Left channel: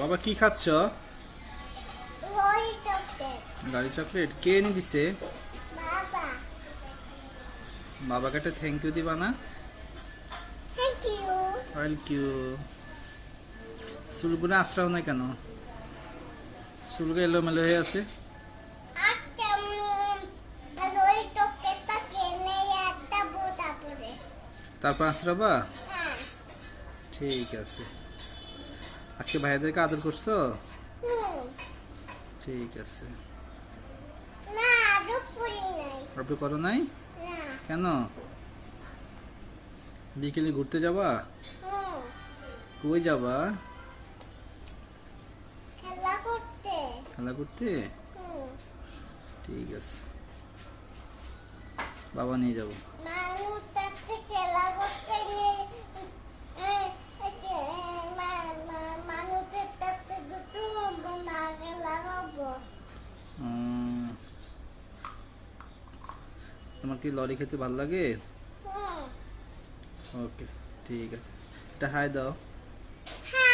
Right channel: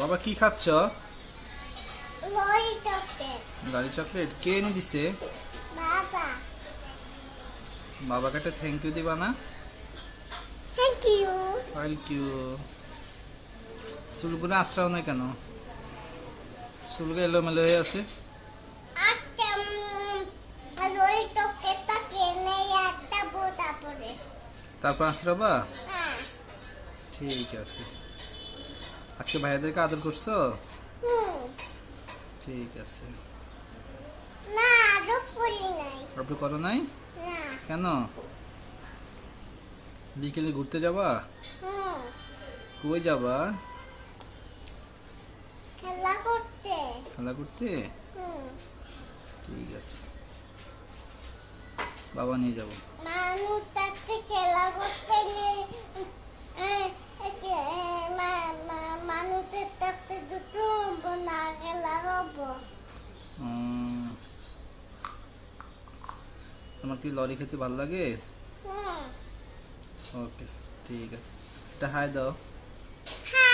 বাবা কি খাচ্ছ? Lorry chocolate. গাড়ি চকলেট কে এনে দিছে? বাবা। বাবাকে একটা থ্যাংক ইউ দিবা না? Thank you. Thank you. চুলগুলো আশ্রাও না কেন? চুলগুলো এলোমেলো হয়ে আছে। একটা লরি চকলেটটা কিনে একটা বোতা পরে। তারপর আশ্রাবা? হ্যাঁ। ঠিক আছে। আজকে ভাইয়াদেরকে আদর করছো? ঠিক আছে। না আদর করি নাই। আদর করো নাই? না। কেন? বিকেলে ঘুরতে যাবা? কই যাবা? খেলা করতে। খেলা করতে? ঠিক আছে, বাবা নিয়ে যাবো। মানুষ তাতে খেলা করতে নিয়ে মানুষের তাতে দুটো না খেলা করবো। তোমার কি লরি খেতে ভালো লাগে? ওকে, ঠিক আছে। এটা হাই দাও। হ্যাঁ।